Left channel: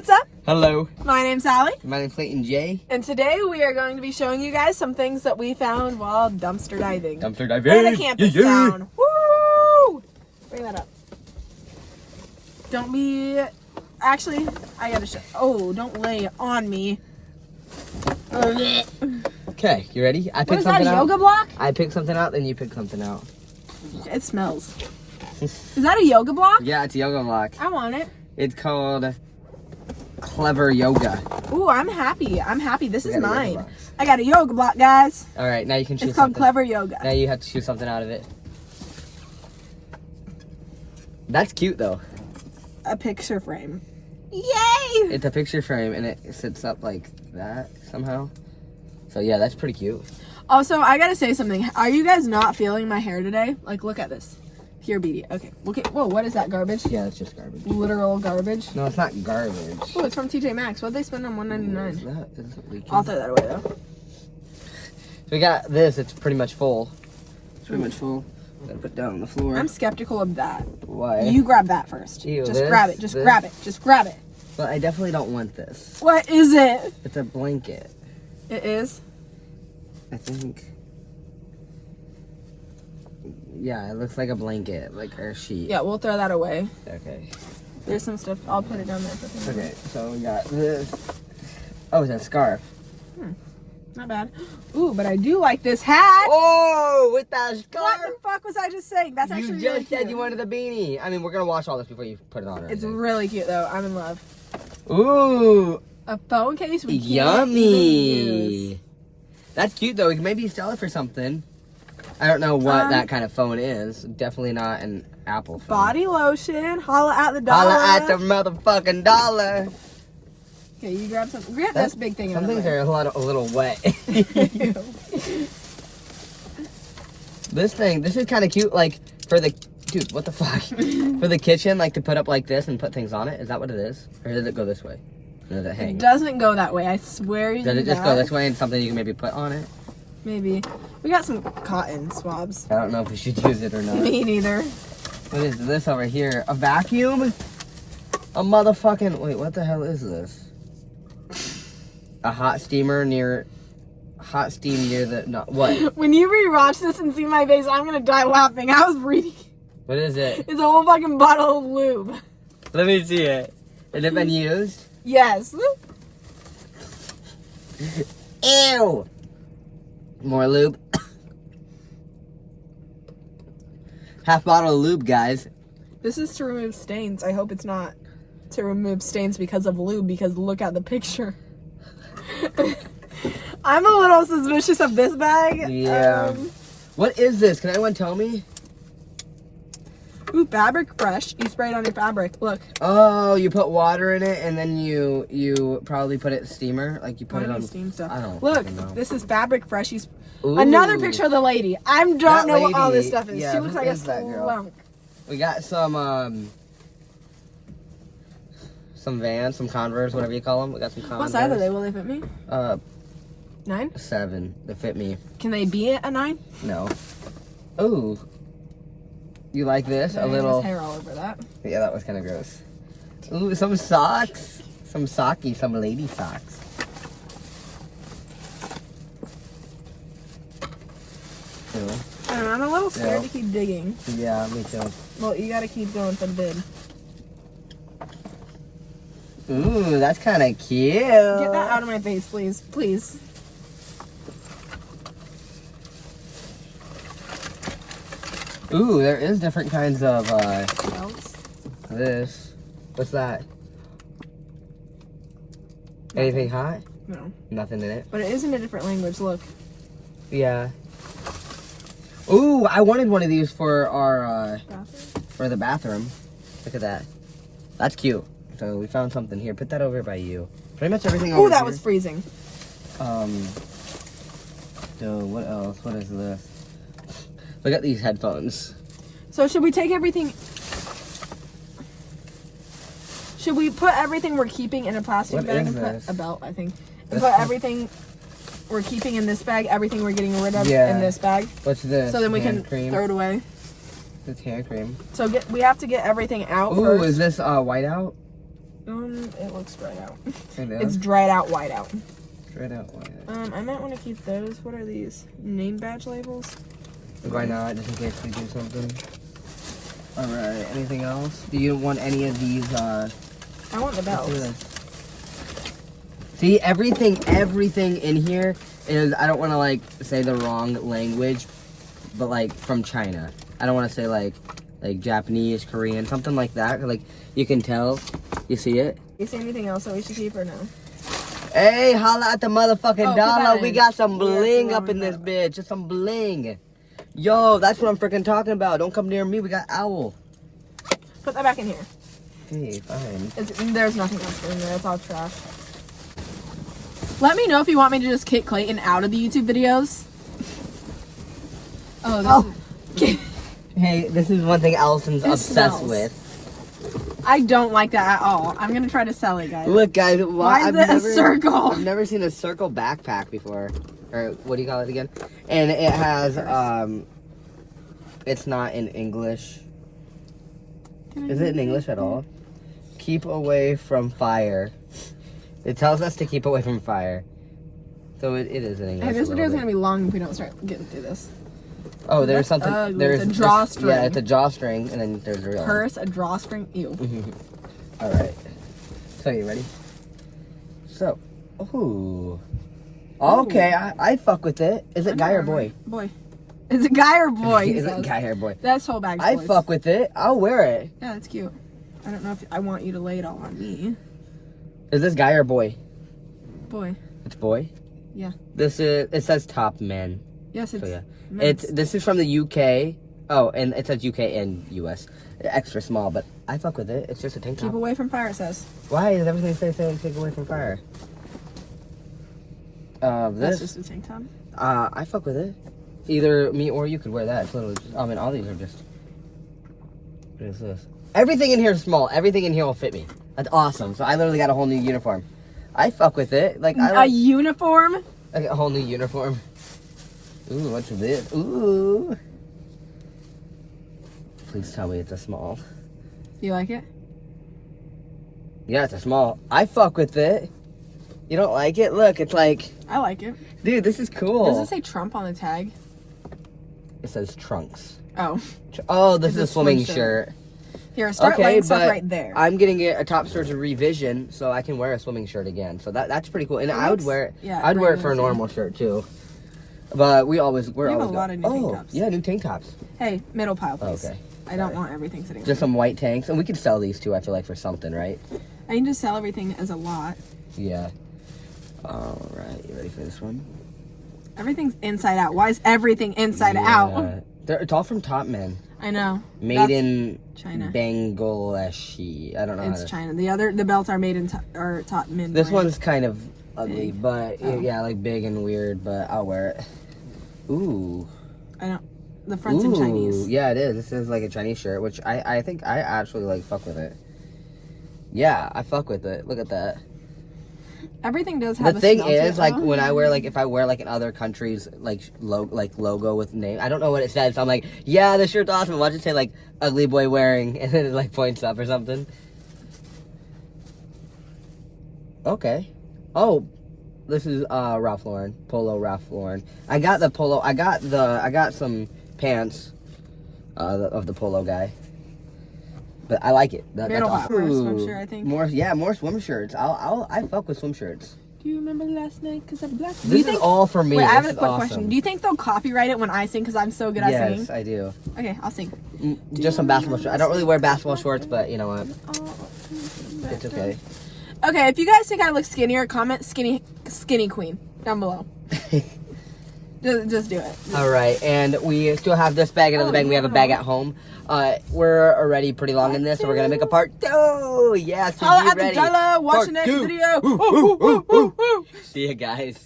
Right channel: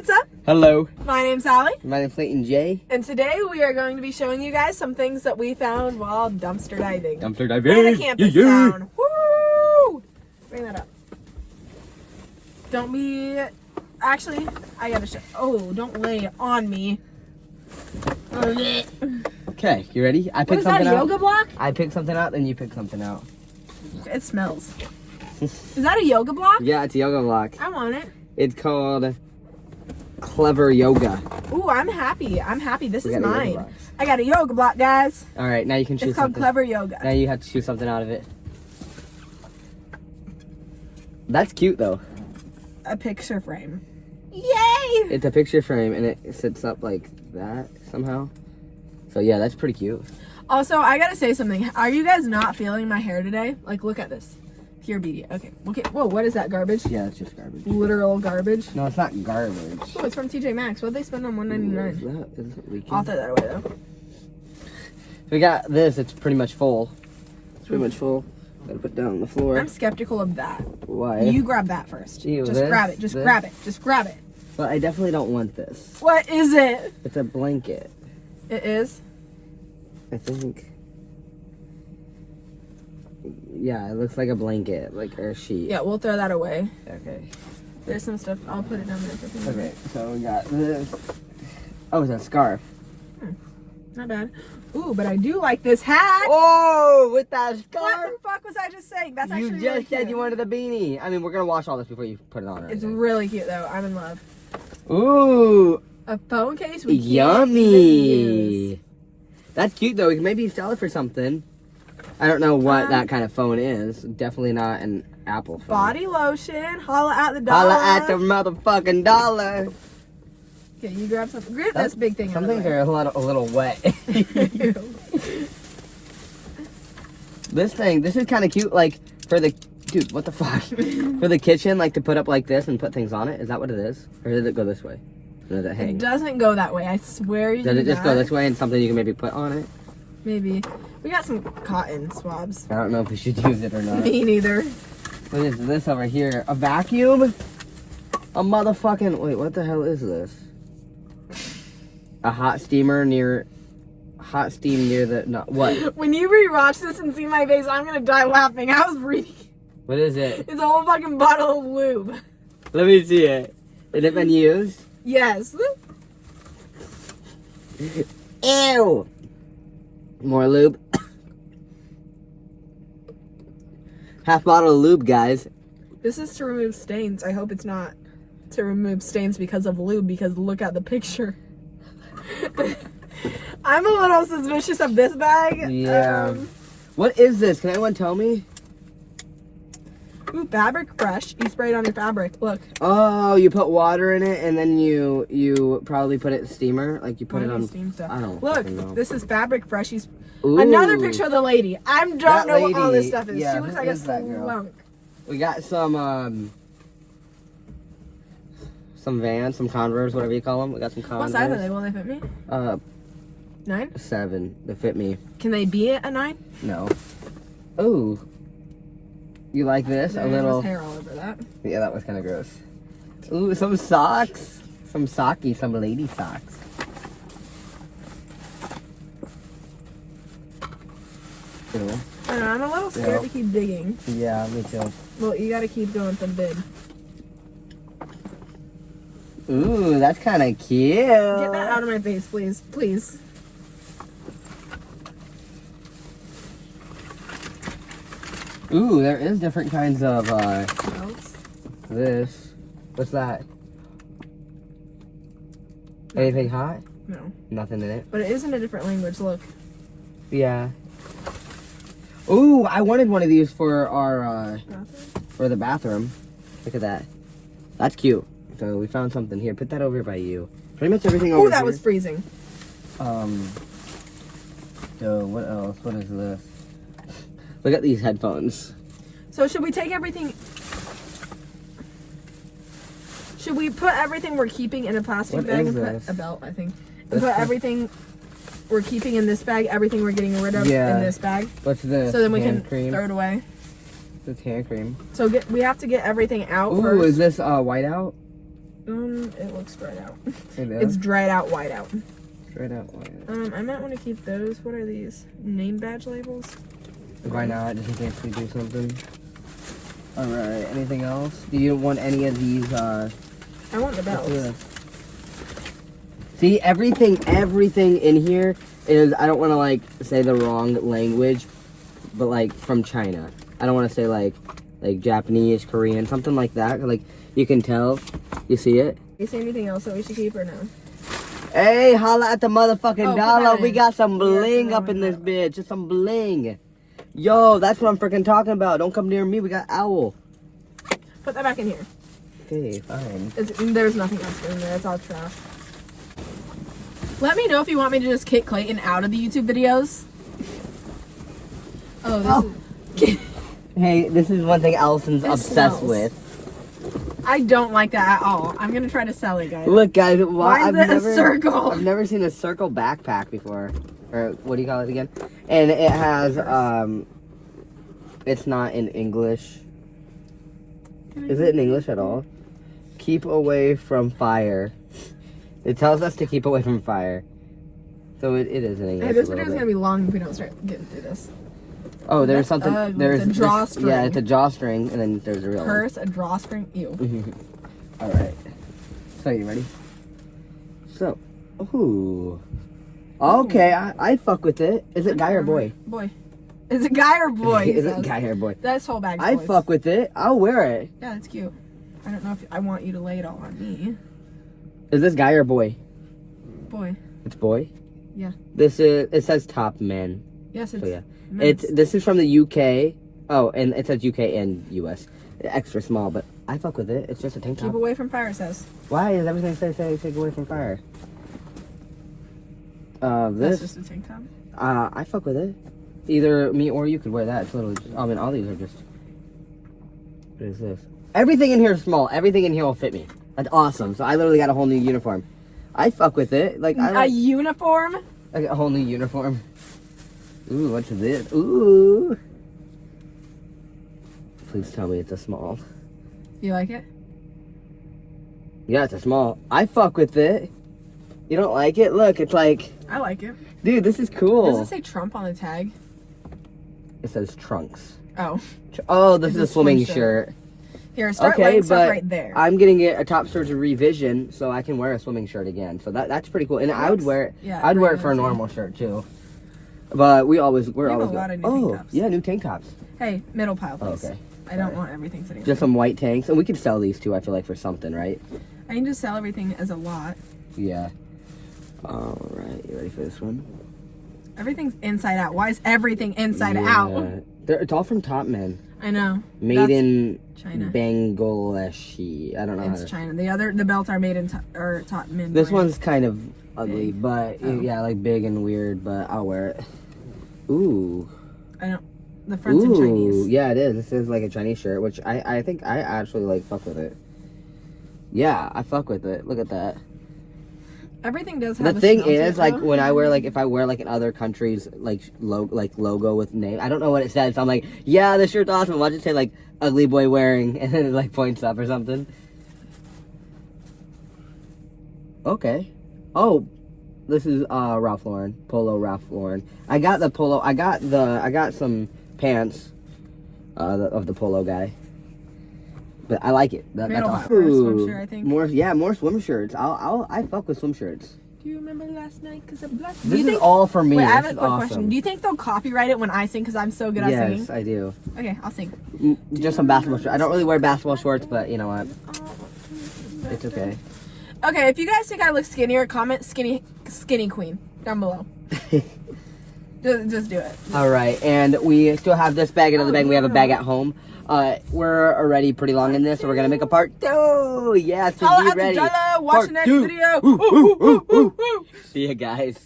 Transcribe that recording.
what's up? Hello. My name's Allie. My name's Clayton J. And today we are going to be showing you guys some things that we found while dumpster diving. Dumpster diving. In a campus town. Woo! Bring that up. Don't be... Actually, I gotta show... Oh, don't lay it on me. Okay, you ready? I picked What is that, a yoga block? I picked something out, then you picked something out. It smells. Is that a yoga block? Yeah, it's a yoga block. I want it. It's called Clever Yoga. Ooh, I'm happy. I'm happy. This We is got a yoga mine. block. I got a yoga block, guys. All right, now you can choose It's called something. Clever Yoga. Now you have to choose something out of it. That's cute, though. A picture frame. Yay! It's a picture frame, and it sits up like that somehow. So, yeah, that's pretty cute. Also, I gotta say something. Are you guys not feeling my hair today? Like, look at this. Here, BD. Okay, look at... Whoa, what is that, garbage? Yeah, it's just garbage. Literal garbage. No, it's not garbage. Oh, it's from TJ Maxx. What'd they spend on $1.99? Is it leaking? I'll throw that away, though. So we got this. It's pretty much full. It's pretty much full. Gotta put down on the floor. I'm skeptical of that. Why? You grab that first. Ew, just this? grab it. Just This? grab it. Just grab it. But I definitely don't want this. What is it? It's a blanket. It is? I think. Yeah, it looks like a blanket, like or a sheet. Yeah, we'll throw that away. Okay. There's some stuff. I'll put it down there. Okay, so we got this. Oh, it's a scarf. Not bad. Ooh, but I do like this hat. Oh, with that What scarf? the fuck was I just saying? That's actually You really just said cute. you wanted a beanie. I mean, we're gonna wash all this before you put it on. Or It's anything. really cute though. I'm in love. Ooh, A phone case we can't even yummy. use. That's cute though. We can maybe sell it for something. I don't know what that kind of phone is. Definitely not an Apple phone. Body lotion. Holla at the dollar. Holla at the motherfucking dollar. Okay, you grab something. Grab this big thing. Some out of things the way. are a little wet. This is kind of cute. Like for the dude, what the fuck? For the kitchen, like to put up like this and put things on it. Is that what it is, or did it go this way? Or did it hang? It doesn't go that way. I swear. Did it just go this way and something you can maybe put on it? Maybe. We got some cotton swabs. I don't know if we should use it or not. Me neither. What is this over here? A vacuum? A motherfucking... Wait, what the hell is this? A hot steamer near... Hot steam near the... No, what? When you rewatch this and see my face, I'm gonna die laughing. I was reading. What is it? It's a whole fucking bottle of lube. Let me see it. Has it been used? Yes. Ew! More lube. Half bottle of lube, guys. This is to remove stains. I hope it's not to remove stains because of lube, because look at the picture. I'm a little suspicious of this bag. Yeah. What is this? Can anyone tell me? Ooh, fabric fresh. You spray it on your fabric. Look. Oh, you put water in it and then you probably put it in steamer, like you put it on steam stuff. I don't Look, fucking know. this is fabric fresh. Ooh. Another picture of the lady. I don't That know what all this lady, stuff is. yeah, She looks who like a is that girl? slunk. We got some Vans, some Converse, whatever you call them. We got some Converse. What size are they? Will they fit me? 9? 7. They fit me. Can they be a 9? No. Ooh. You like this? There A little. was hair all over that. Yeah, that was kind of gross. Ooh, some socks. Some socky, some lady socks. Ew. I don't know, I'm a little scared Yeah. to keep digging. Yeah, me too. Well, you gotta keep going for the bid. Ooh, that's kind of cute. Get that out of my face, please. Please. Ooh, there is different kinds of Belts. this. What's that? Anything hot? No. Nothing in it. But it is in a different language, look. Yeah. Ooh, I wanted one of these for our for the bathroom. Look at that. That's cute. So we found something here. Put that over by you. Pretty much everything over Oh, that here. was freezing. So what else? What is this? Look at these headphones. So should we take everything... Should we put everything we're keeping in a plastic What bag is and this? put a belt, I think. And put everything we're keeping in this bag, everything we're getting rid of Yeah. in this bag. What's this? So then we Hand can cream. throw it away. It's hand cream. So we have to get everything out Ooh, first. is this whiteout? It looks dried out. It It's dried out, white out. Dried out. I might want to keep those. What are these? Name badge labels? Why not? Just in case we do something. Alright, anything else? Do you want any of these, I want the belts. See, everything in here is, I don't want to, like, say the wrong language, but, like, from China. I don't want to say, like Japanese, Korean, something like that. Like, you can tell. You see it? You see anything else that we should keep or no? Hey, holla at the motherfucking dollar. We got some bling up in this that. bitch. Just some bling. Yo, that's what I'm freaking talking about. Don't come near me. We got owl. Put that back in here. Okay, fine. There's nothing else in there. It's all trash. Let me know if you want me to just kick Clayton out of the YouTube videos. Oh, this is... Hey, this is one thing Allison's It obsessed smells. with. I don't like that at all. I'm gonna try to sell it, guys. Look, guys, Why is it a circle? I've never seen a circle backpack before. Or what do you call it again? And it has, it's not in English. Is it in English at all? Keep away from fire. It tells us to keep away from fire. So it is in English. Hey, this a video is little gonna bit. be long if we don't start getting through this. Oh, there's That's something. ugly. There's It's a drawstring. Yeah, it's a drawstring, and then there's a real one. Purse, a drawstring, ew. All right. So you ready? So, ooh. Okay, I fuck with it. Is it guy or boy? Boy. Is it guy or boy? Is it guy or boy? That's whole bag. I fuck with it. I'll wear it. Yeah, it's cute. I don't know if I want you to lay it all on me. Is this guy or boy? Boy. It's boy. Yeah. This is. It says top men. Yes, it's. So yeah. men's. This is from the UK. Oh, and it says UK and US. Extra small, but I fuck with it. It's just a tank top. Keep away from fire, it says. Why does everything say take away from fire? That's This. just a tank top. I fuck with it. Either me or you could wear that. It's literally just, I mean, all these are just. What is this? Everything in here is small. Everything in here will fit me. That's awesome. So I literally got a whole new uniform. I fuck with it. Like I A like uniform? I got a whole new uniform. Ooh, what's this? Ooh. Please tell me it's a small. You like it? Yeah, it's a small. I fuck with it. You don't like it? Look, it's like, I like it. dude, this is cool. Does it say Trump on the tag? It says trunks. Oh. Oh, this is a It's a swimming swim shirt. Here, start Okay, laying stuff but right there. I'm getting it a top surgery revision, so I can wear a swimming shirt again. So that's pretty cool. And I would wear it. Yeah, I'd wear it for a yeah. normal shirt too. But we're have always a go- lot of new oh tank tops. yeah, new tank tops. Hey, middle pile, please. Okay. I don't Sorry. want everything sitting. Just some white tanks, and we can sell these too. I feel like for something, right? I can just sell everything as a lot. Yeah. All right, you ready for this one? Everything's inside out. Why is everything inside out? It's all from Top Men. I know. Made That's in China. Bangladesh. I don't know how It's to. China. The belts are made in top mid. This one's kind of ugly, Big. but Oh. yeah, like big and weird. But I'll wear it. Ooh. I don't. The front's in Chinese. Yeah, it is. This is like a Chinese shirt, which I think I actually like fuck with it. Yeah, I fuck with it. Look at that. Everything does have. The thing a smell to is, it, like though. when I wear if I wear in other countries logo with name, I don't know what it says. So I'm like, yeah, this shirt's awesome. Watch it say like ugly boy wearing, and then it like points up or something. Okay. Oh, this is Ralph Lauren, Polo Ralph Lauren. I got the polo. I got some pants of the polo guy. But I like it. That's Middle awesome. or swim shirt, I think. More swim shirts. I fuck with swim shirts. Do you remember last night? Cause I'm black. This is all for me. Wait, I have This a is quick awesome. question. Do you think they'll copyright it when I sing? Cause I'm so good at singing. Yes, I do. Okay, I'll sing. Just some basketball shorts. I don't really wear basketball shorts, but you know what? It's okay. Okay, if you guys think I look skinnier, comment skinny queen down below. just do it. All right, and we still have this bag, another bag. We have a bag at home. We're already pretty long in this, so we're gonna make a part 2. Yeah, so Oh, be at ready. the watch Part the next 2. video. Woo, woo, woo, woo, woo. See ya, guys.